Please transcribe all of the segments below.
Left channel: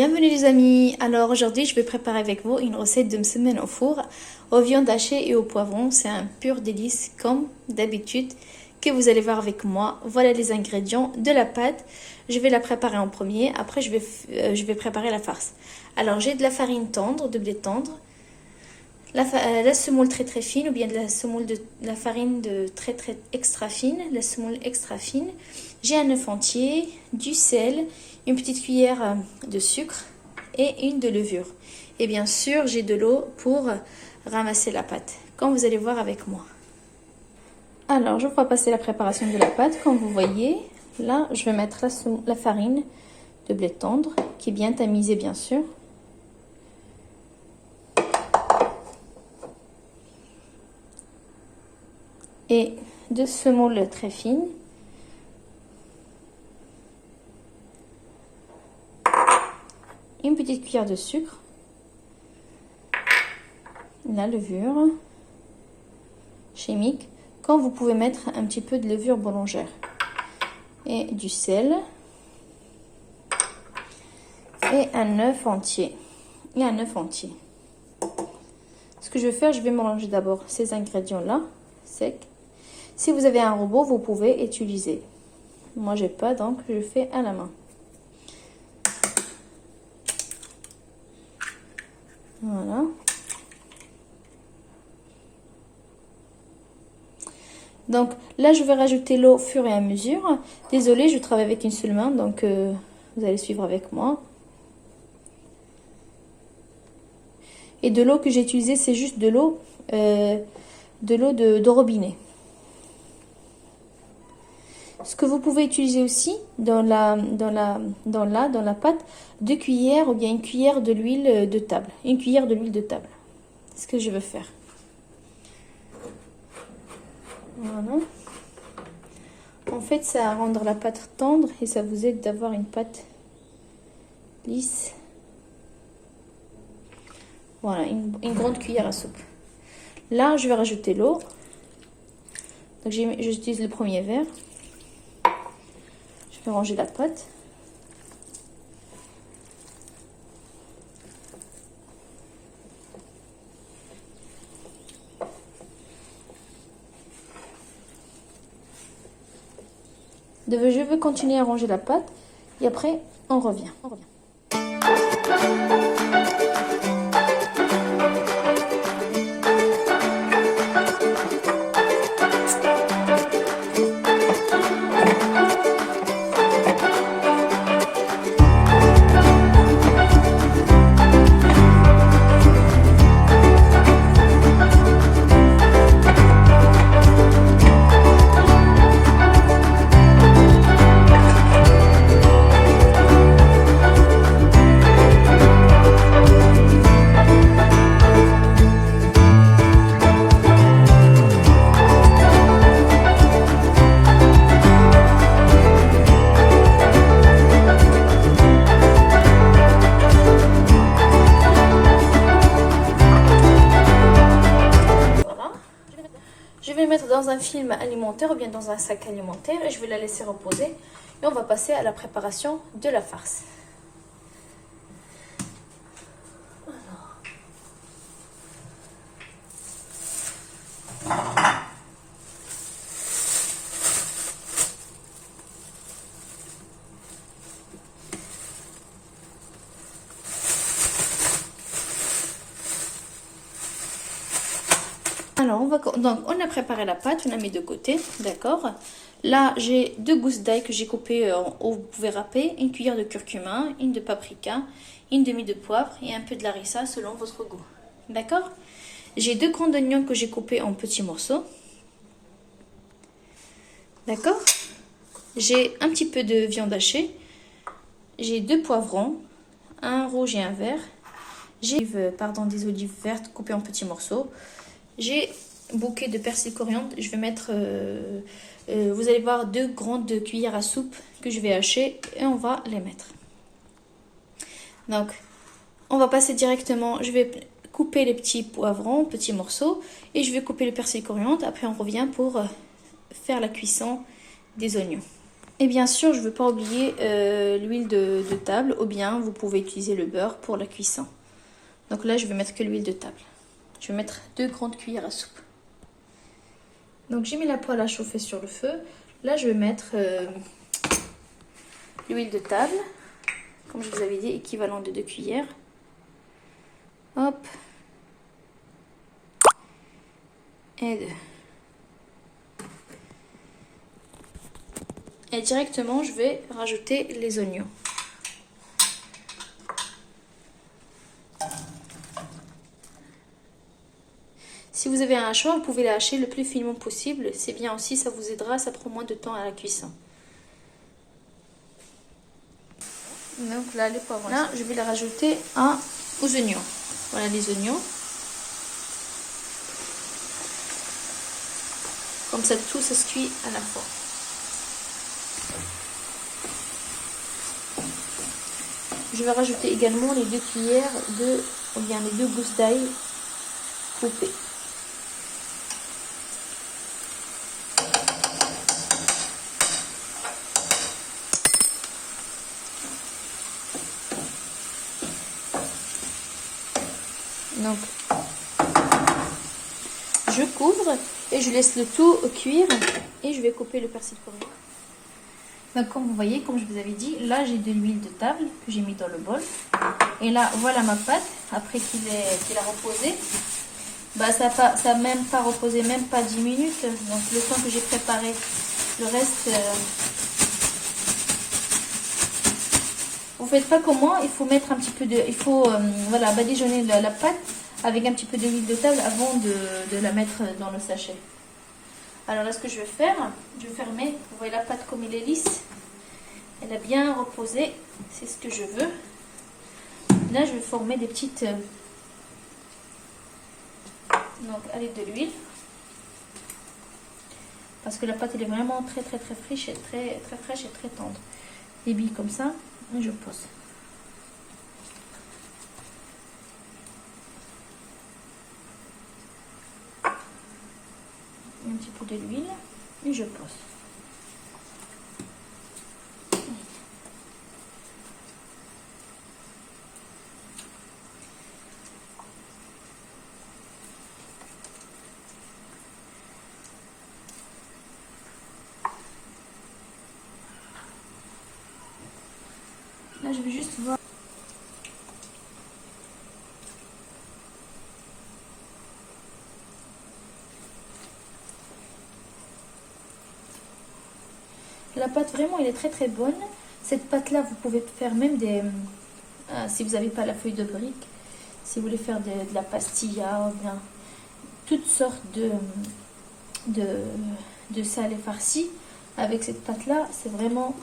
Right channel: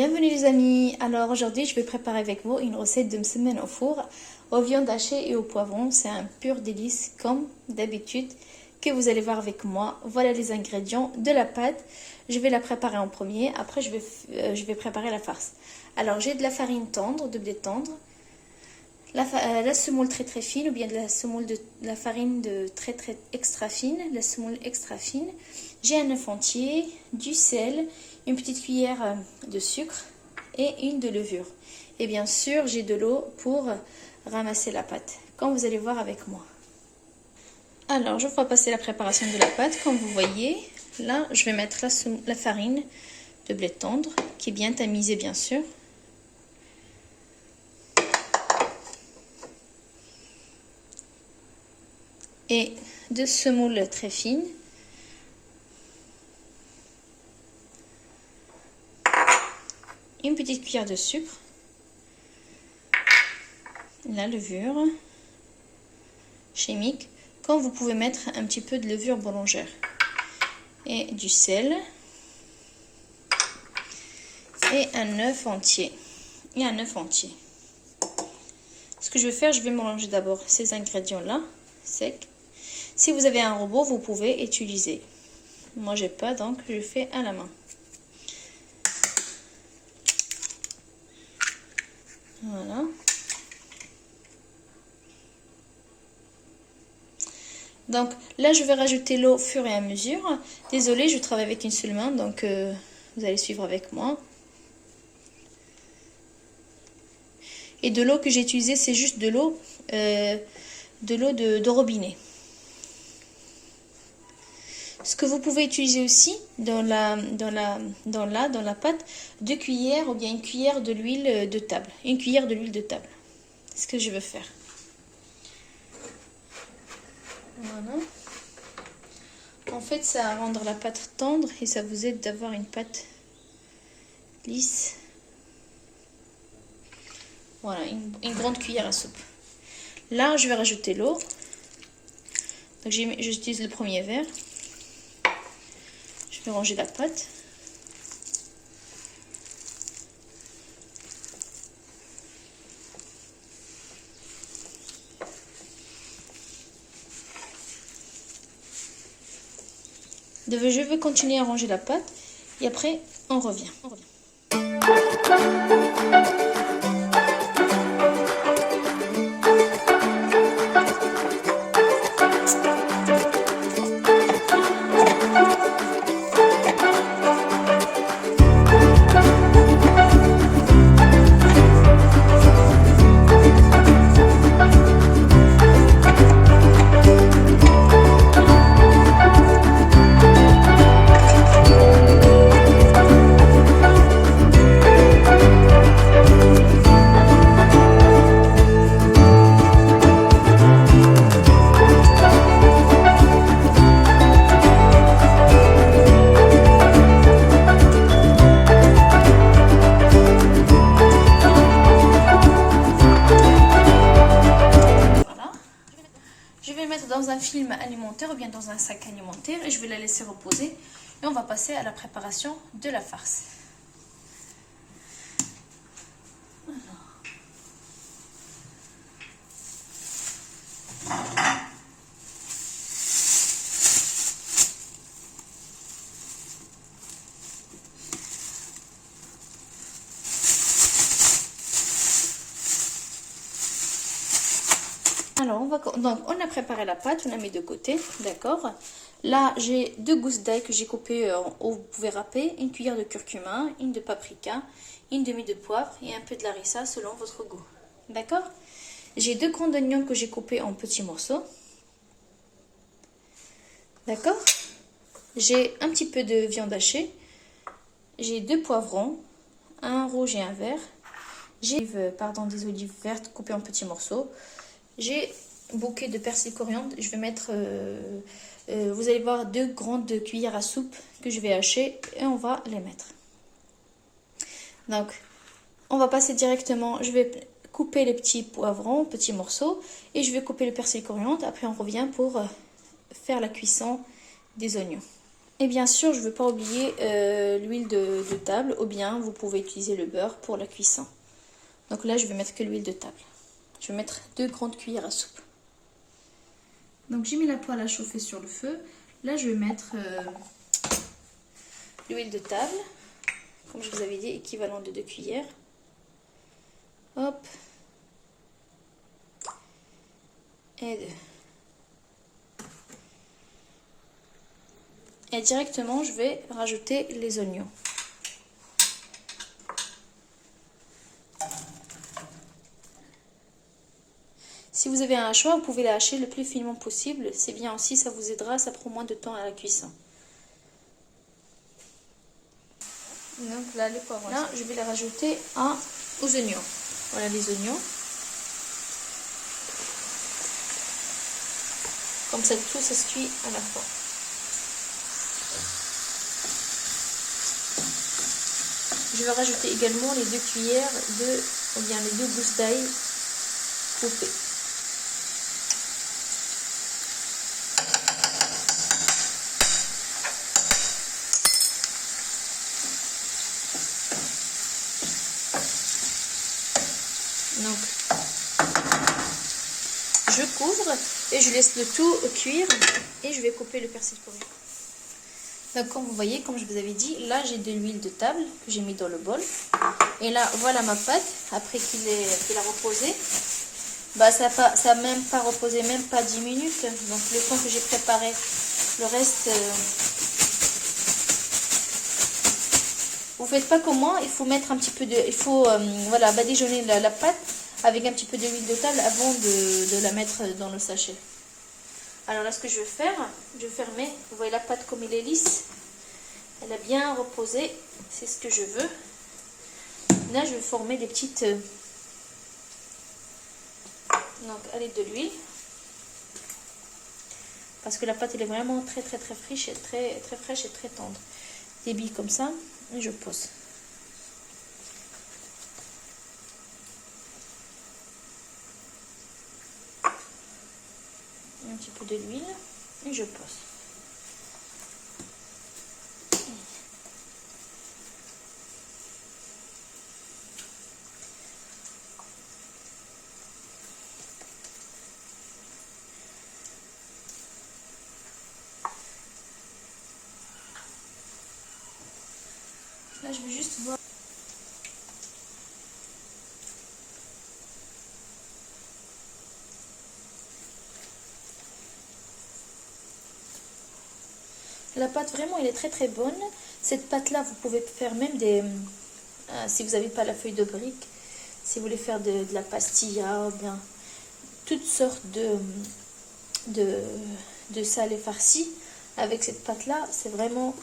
Bienvenue les amis. Alors aujourd'hui je vais préparer avec vous une recette de msemen au four aux viandes hachées et au poivron. C'est un pur délice comme d'habitude que vous allez voir avec moi. Voilà les ingrédients de la pâte. Je vais la préparer en premier. Après je vais préparer la farce. Alors j'ai de la farine tendre, de blé tendre, la semoule très fine ou bien de la farine de très extra fine, la semoule extra fine. J'ai un œuf entier, du sel, une petite cuillère de sucre et une de levure. Et bien sûr, j'ai de l'eau pour ramasser la pâte, comme vous allez voir avec moi. Alors, je vais passer la préparation de la pâte. Comme vous voyez, là, je vais mettre la farine de blé tendre, qui est bien tamisée, bien sûr. Et de semoule très fine. Une petite cuillère de sucre, la levure chimique, quand vous pouvez mettre un petit peu de levure boulangère, et du sel, et un œuf entier, Ce que je vais faire, je vais mélanger d'abord ces ingrédients-là, secs. Si vous avez un robot, vous pouvez utiliser. Moi, j'ai pas, donc je fais à la main. Voilà. Donc là, je vais rajouter l'eau au fur et à mesure. Désolée, je travaille avec une seule main, donc vous allez suivre avec moi. Et de l'eau que j'ai utilisée, c'est juste de l'eau de robinet. Ce que vous pouvez utiliser aussi dans la pâte, 2 cuillères ou bien une cuillère de l'huile de table. Une cuillère de l'huile de table. C'est ce que je veux faire. Voilà. En fait, ça va rendre la pâte tendre et ça vous aide d'avoir une pâte lisse. Voilà, une grande cuillère à soupe. Là, je vais rajouter l'eau. Donc, j'utilise le premier verre. Je vais ranger la pâte. Je vais continuer à ranger la pâte et après on revient. Dans un film alimentaire ou bien dans un sac alimentaire et je vais la laisser reposer et on va passer à la préparation de la farce. Alors, on a préparé la pâte, on a mis de côté, d'accord. Là, j'ai 2 gousses d'ail que j'ai coupées, vous pouvez râper, une cuillère de curcuma, une de paprika, une demi de poivre et un peu de larissa selon votre goût, d'accord. J'ai 2 grands oignons que j'ai coupés en petits morceaux, d'accord. J'ai un petit peu de viande hachée, j'ai 2 poivrons, un rouge et un vert, j'ai des olives vertes coupées en petits morceaux. J'ai un bouquet de persil coriandre. Je vais mettre, vous allez voir, 2 grandes cuillères à soupe que je vais hacher et on va les mettre. Donc, on va passer directement. Je vais couper les petits poivrons, petits morceaux, et je vais couper le persil coriandre. Après, on revient pour faire la cuisson des oignons. Et bien sûr, je ne veux pas oublier l'huile de table, ou bien vous pouvez utiliser le beurre pour la cuisson. Donc là, je vais mettre que l'huile de table. Je vais mettre 2 grandes cuillères à soupe. Donc j'ai mis la poêle à chauffer sur le feu. Là, je vais mettre l'huile de table, comme je vous avais dit, équivalent de 2 cuillères. Hop. Et 2. Et directement, je vais rajouter les oignons. Si vous avez un hachoir, vous pouvez les hacher le plus finement possible. C'est bien aussi, ça vous aidera, ça prend moins de temps à la cuisson. Donc là, les poivrons. Là, je vais les rajouter aux oignons. Voilà les oignons. Comme ça, tout ça se cuit à la fois. Je vais rajouter également les 2 cuillères ou bien les 2 gousses d'ail coupées. Donc, je couvre et je laisse le tout cuire et je vais couper le persil coriandre. Donc, comme vous voyez, comme je vous avais dit, là j'ai de l'huile de table que j'ai mis dans le bol. Et là, voilà ma pâte après qu'il a reposé. Bah, ça n'a même pas reposé, même pas 10 minutes. Donc, le temps que j'ai préparé le reste. Vous faites pas comment, il faut mettre un petit peu de. Il faut voilà, badigeonner la pâte avec un petit peu d'huile de table avant de la mettre dans le sachet. Alors là, ce que je vais faire, je vais fermer. Vous voyez la pâte comme elle est lisse. Elle a bien reposé. C'est ce que je veux. Là, je vais former des petites. Donc, avec de l'huile. Parce que la pâte, elle est vraiment très fraîche et très fraîche et très tendre. Des billes comme ça. Et je pose. Un petit peu de l'huile et je pose. Là, je vais juste voir. La pâte, vraiment, elle est très bonne. Cette pâte-là, vous pouvez faire même des... si vous n'avez pas la feuille de brique, si vous voulez faire de la pastilla, ou bien toutes sortes de salé farci, avec cette pâte-là, c'est vraiment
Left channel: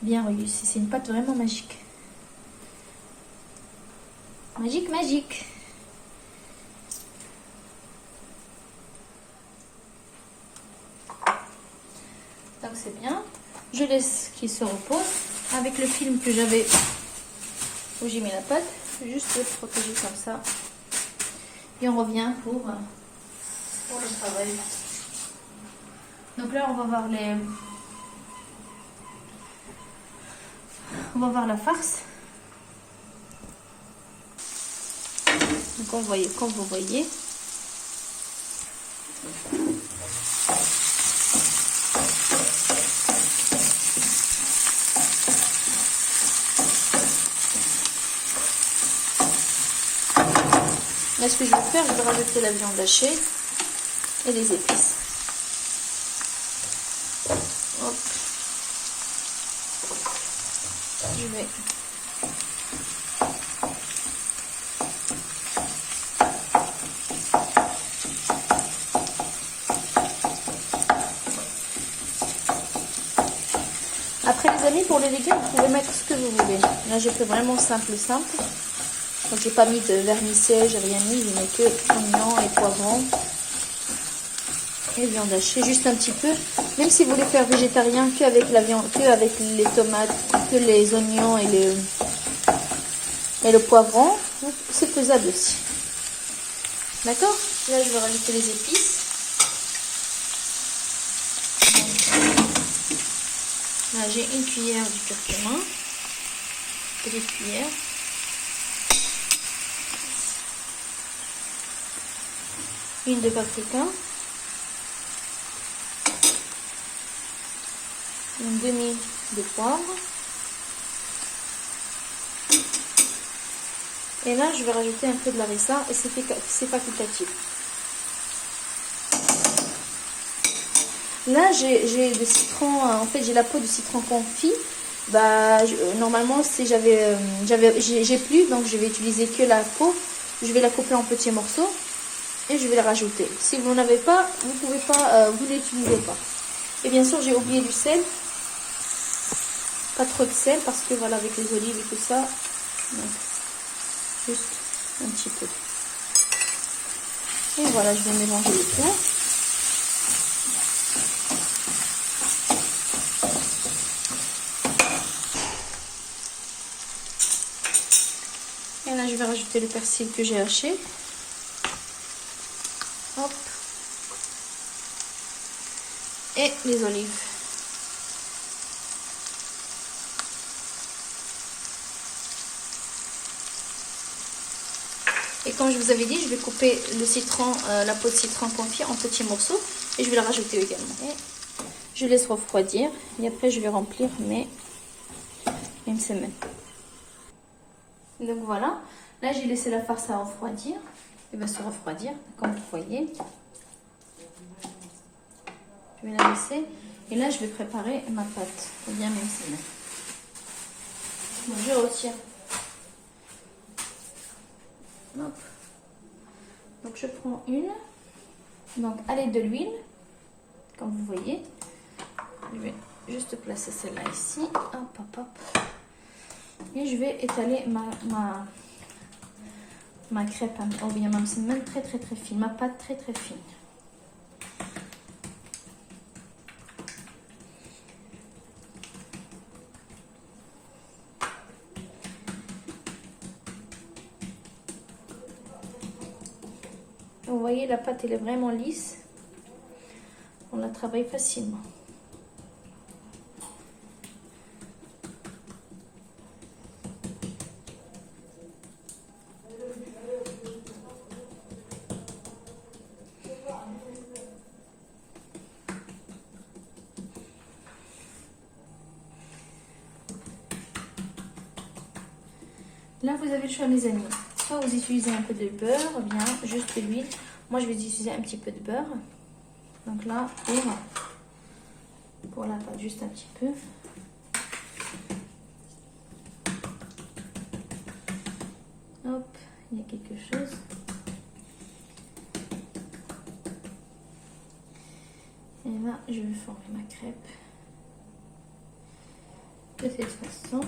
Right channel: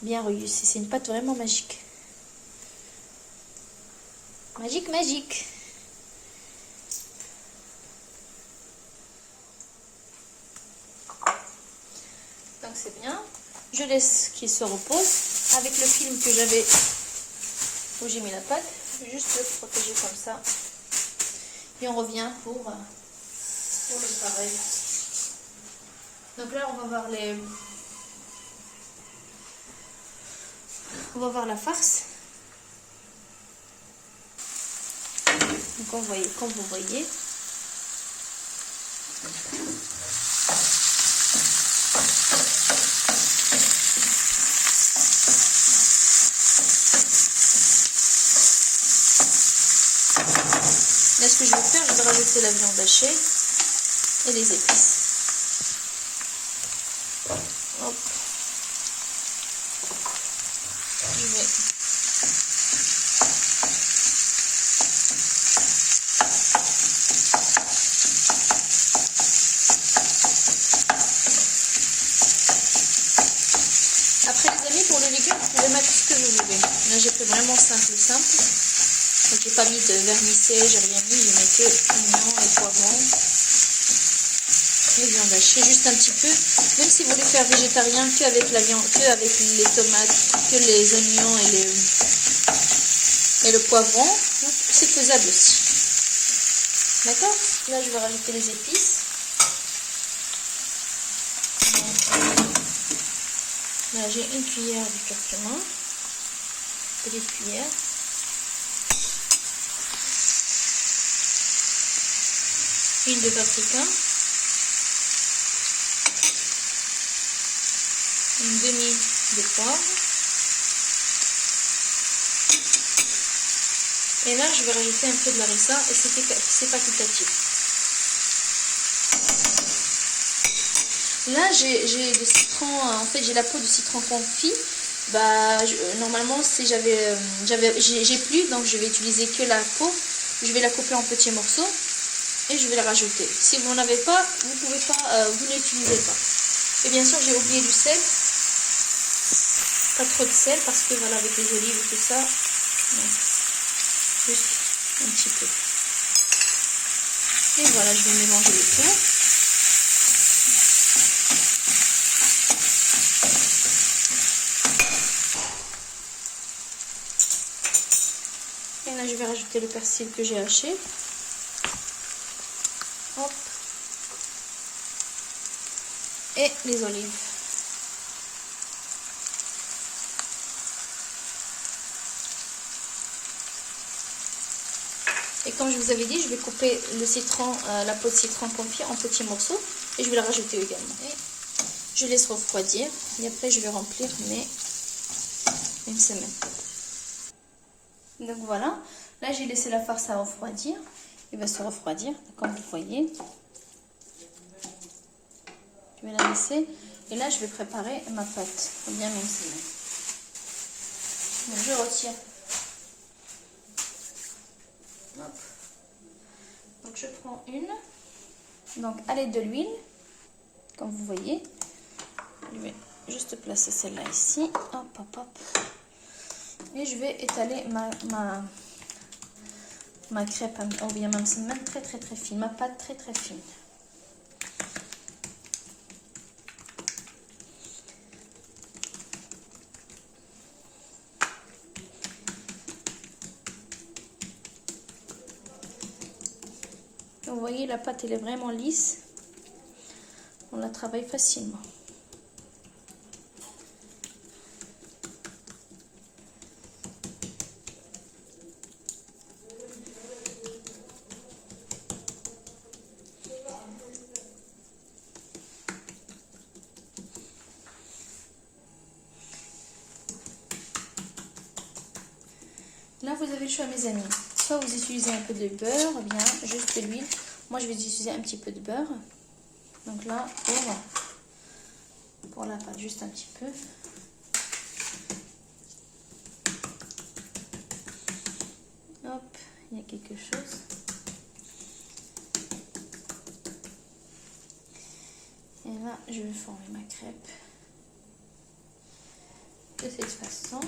bien réussi. C'est une pâte vraiment magique. Magique. Donc c'est bien. Je laisse qu'il se repose. Avec le film que j'avais où j'ai mis la pâte, juste le protéger comme ça. Et on revient pour le travail. Donc là, on va voir la farce. Donc comme vous voyez. Là, ce que je vais faire, je vais rajouter la viande hachée et les épices. Hop. Je vais après les amis, pour les légumes, vous pouvez mettre ce que vous voulez. Là, j'ai fait vraiment simple. Donc, j'ai pas mis de vermicelle, j'ai rien mis. J'ai mis que oignons et poivrons et viande hachée, juste un petit peu. Même si vous voulez faire végétarien, que avec la viande, que avec les tomates, que les oignons et le poivron, c'est faisable aussi. D'accord? Là, je vais rajouter les épices. Là, j'ai une cuillère de curcuma, petite cuillère. Une de paprika. Une demi de poivre. Et là, je vais rajouter un peu de harissa et c'est facultatif. Là, j'ai le citron, en fait, j'ai la peau de citron confit. Bah, normalement, si j'ai plus, donc je vais utiliser que la peau. Je vais la couper en petits morceaux et je vais la rajouter. Si vous n'avez pas, vous pouvez pas, vous n'utilisez pas. Et bien sûr, j'ai oublié du sel. Pas trop de sel parce que voilà, avec les olives et tout ça, donc, juste un petit peu. Et voilà, je vais mélanger le tout. Et là, je vais rajouter le persil que j'ai haché. Hop. Et les olives. Et comme je vous avais dit, je vais couper le citron, la peau de citron confit en petits morceaux. Et je vais la rajouter également. Et je laisse refroidir. Et après, je vais remplir une semaine. Donc voilà. Là, j'ai laissé la farce à refroidir. Il va se refroidir, comme vous voyez. Je vais la laisser. Et là, je vais préparer ma pâte pour bien une semaine. Donc, je retire. Hop. Donc je prends une, donc à l'aide de l'huile, comme vous voyez, je vais juste placer celle-là ici, hop hop hop, et je vais étaler ma crêpe, ou bien même c'est même très fine, ma pâte très fine. Vous voyez, la pâte elle est vraiment lisse. On la travaille facilement. Là, vous avez le choix, mes amis. Soit vous utilisez un peu de beurre, ou bien juste de l'huile. Moi, je vais utiliser un petit peu de beurre. Donc là, pour la pâte, juste un petit peu. Hop, il y a quelque chose. Et là, je vais former ma crêpe de cette façon.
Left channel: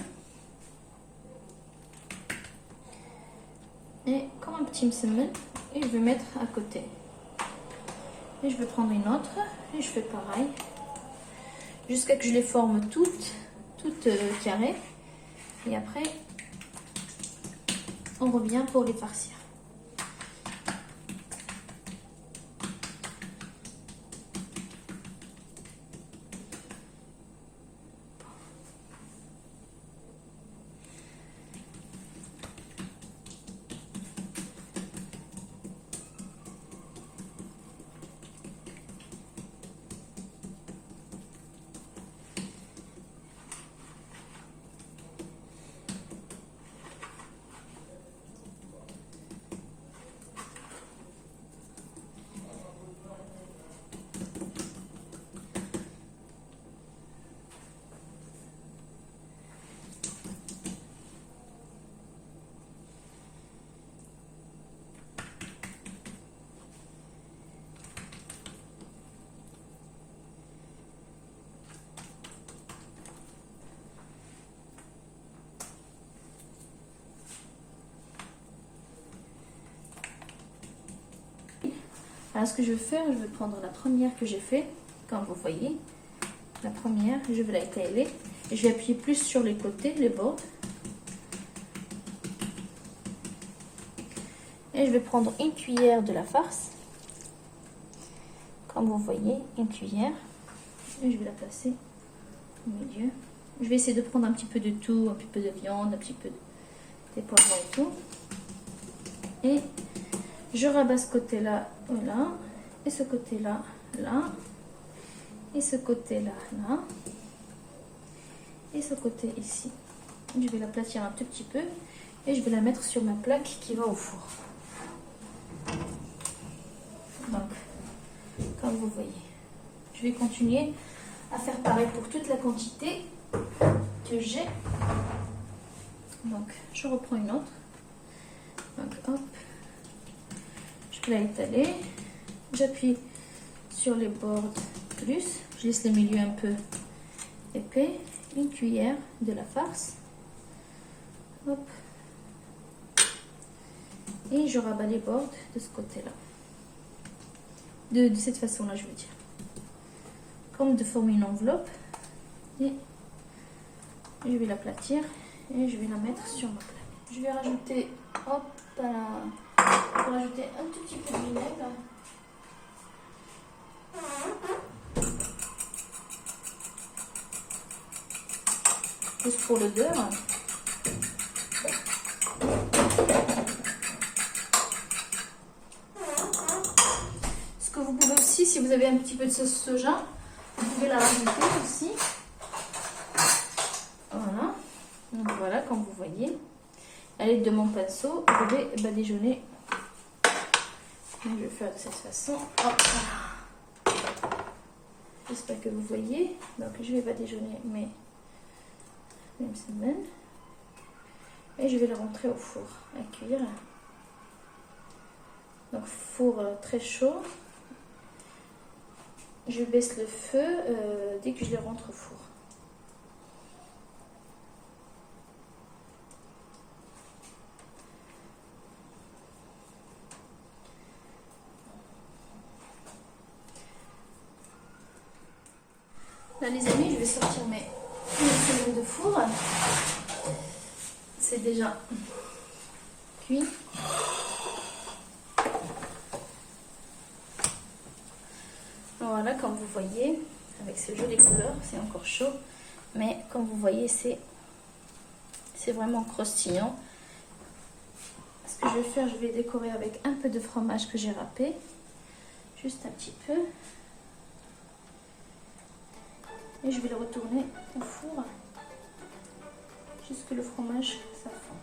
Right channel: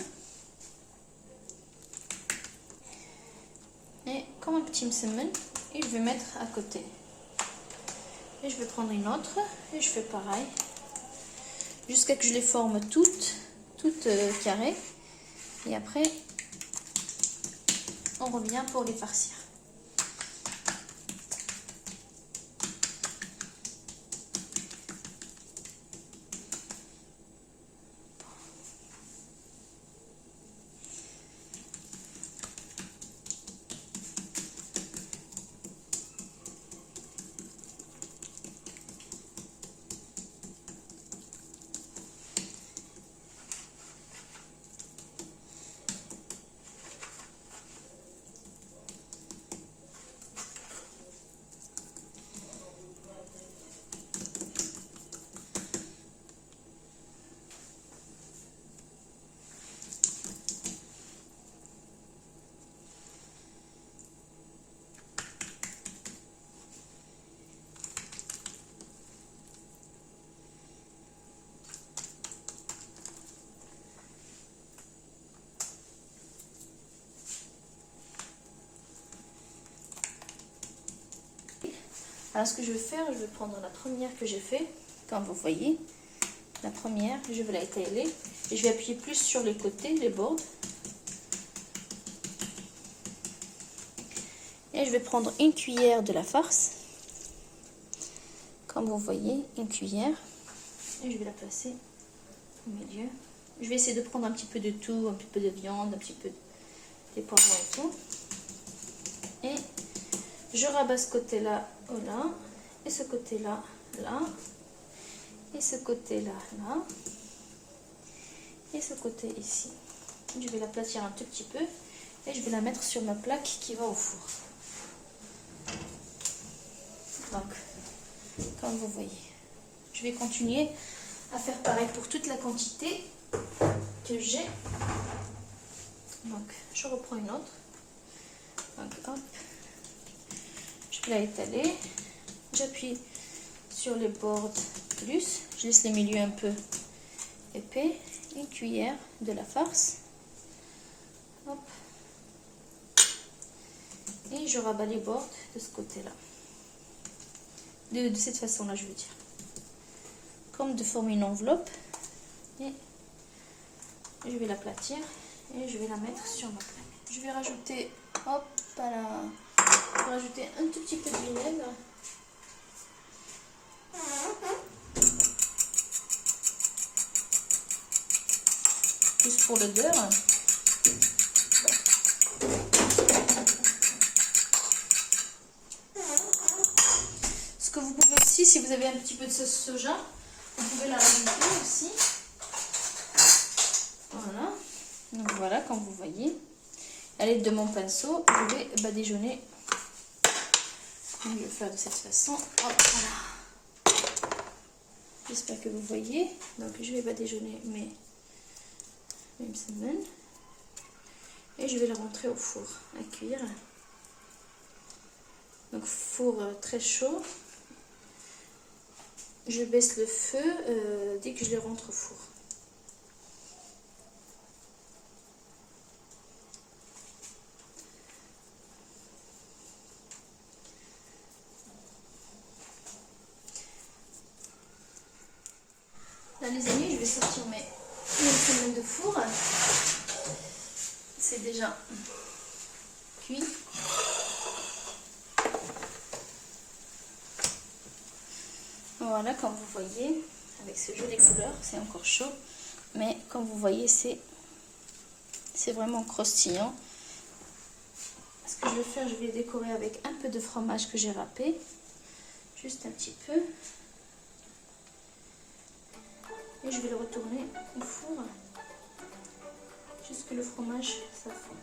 Et comme un petit msemen, et je vais mettre à côté. Et je vais prendre une autre et je fais pareil jusqu'à que je les forme toutes carrées. Et après, on revient pour les farcir. Alors ce que je vais faire, je vais prendre la première que j'ai fait, comme vous voyez. La première, je vais la étaler et je vais appuyer plus sur les côtés, les bords. Et je vais prendre une cuillère de la farce. Comme vous voyez, une cuillère. Et je vais la placer au milieu. Je vais essayer de prendre un petit peu de tout, un petit peu de viande, un petit peu des poivrons et tout. Et je rabats ce côté-là, là, et ce côté-là, là, et ce côté-là, là, et ce côté ici. Je vais l'aplatir un tout petit peu et je vais la mettre sur ma plaque qui va au four. Donc, comme vous voyez, je vais continuer à faire pareil pour toute la quantité que j'ai. Donc, je reprends une autre. Donc, hop, je vais la étaler. J'appuie sur les bords plus. Je laisse le milieu un peu épais. Une cuillère de la farce. Hop. Et je rabats les bords de ce côté-là. De cette façon-là, je veux dire. Comme de former une enveloppe. Et je vais l'aplatir et je vais la mettre sur ma plaque. Je vais rajouter, hop, je vais rajouter un tout petit peu de vinaigre. Juste pour l'odeur. Ce que vous pouvez aussi, si vous avez un petit peu de sauce soja, vous pouvez la rajouter aussi. Voilà. Donc voilà, comme vous voyez. À l'aide de mon pinceau, je vais badigeonner. Je vais faire de cette façon. J'espère que vous voyez. Donc je vais badigeonner mes semen. Et je vais le rentrer au four à cuire. Donc four très chaud. Je baisse le feu dès que je les rentre au four. Là les amis, je vais sortir mes semen de four. C'est déjà cuit. Voilà, comme vous voyez, avec ce joli couleur, c'est encore chaud. Mais comme vous voyez, c'est vraiment croustillant. Ce que je vais faire, je vais décorer avec un peu de fromage que j'ai râpé. Juste un petit peu. Et je vais le retourner au four. Jusque le fromage s'affond.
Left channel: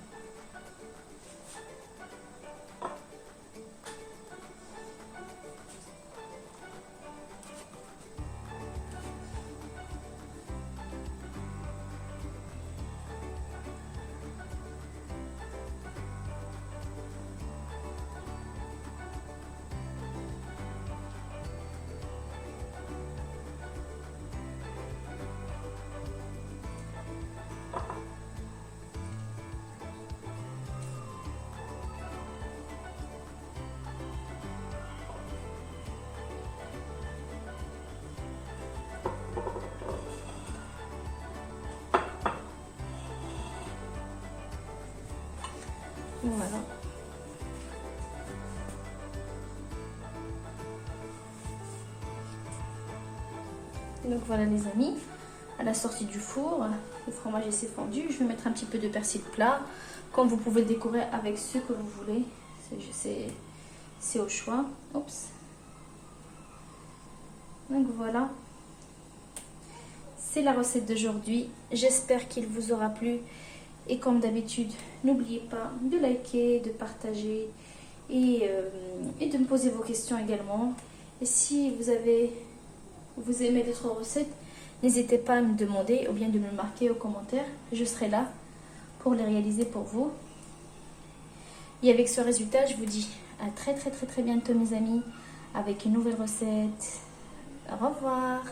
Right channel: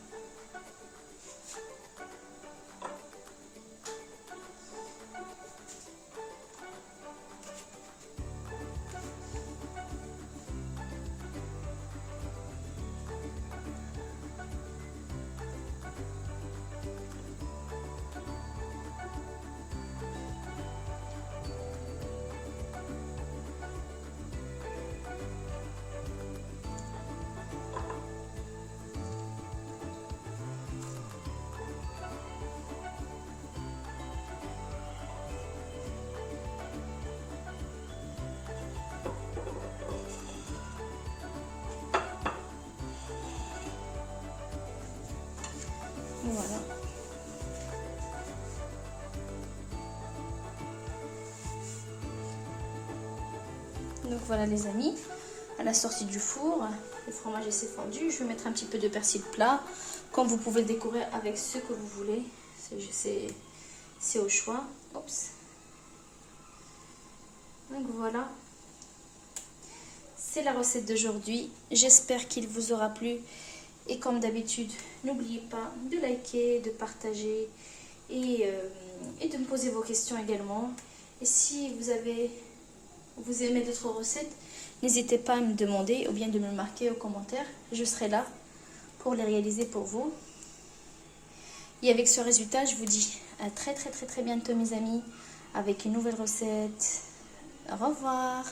Voilà. Donc voilà les amis, à la sortie du four, le fromage s'est fondu. Je vais mettre un petit peu de persil plat. Comme vous pouvez le décorer avec ce que vous voulez. C'est au choix. Oups. Donc voilà. C'est la recette d'aujourd'hui. J'espère qu'il vous aura plu. Et comme d'habitude, n'oubliez pas de liker, de partager et de me poser vos questions également. Et si vous aimez d'autres recettes, n'hésitez pas à me demander ou bien de me le marquer aux commentaires. Je serai là pour les réaliser pour vous. Et avec ce résultat, je vous dis à très bientôt mes amis avec une nouvelle recette. Au revoir.